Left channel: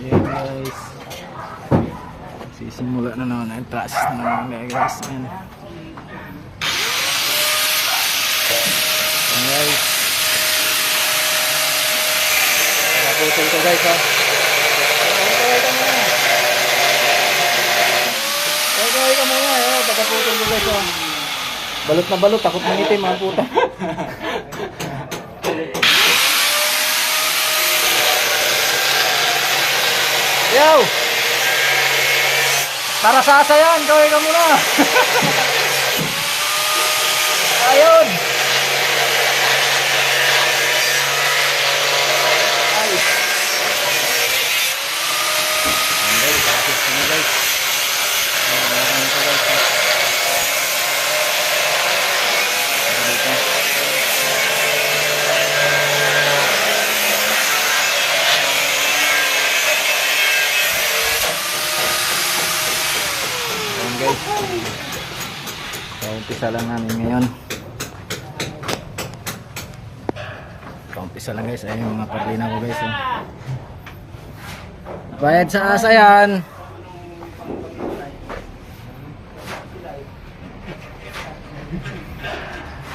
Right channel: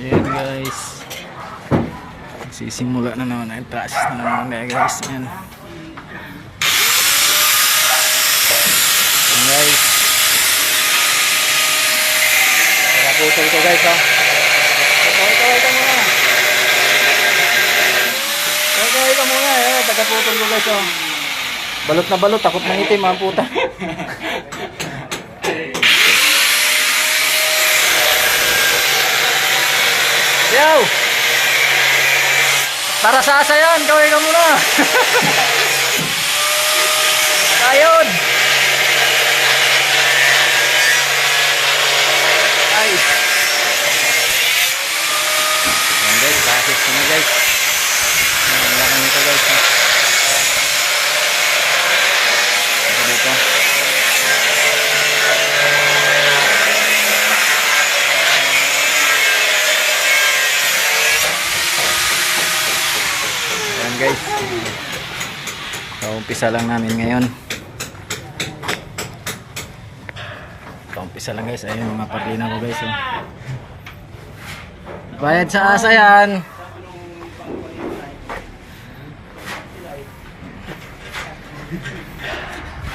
Ayan guys. Sisimula na naman ang taas na naman guys. Ayan. Ayan guys. Nakaputol ko guys ha. Kaway ka muna. Kaway ka muna. Nakaputol ko guys ha. Balot na balot. Takot ng itim ang puta. Yo! Para sa asa yan, kaway ka muna. Ayun. Ay. Ayan guys, kakit ko na guys. Wala kami ito guys. Ito dito. Ayan guys. So, umpisa lang namin ngayon. Umpisa lang guys, ayun yung mga parlina ko guys oh. Bayad sa asa yan.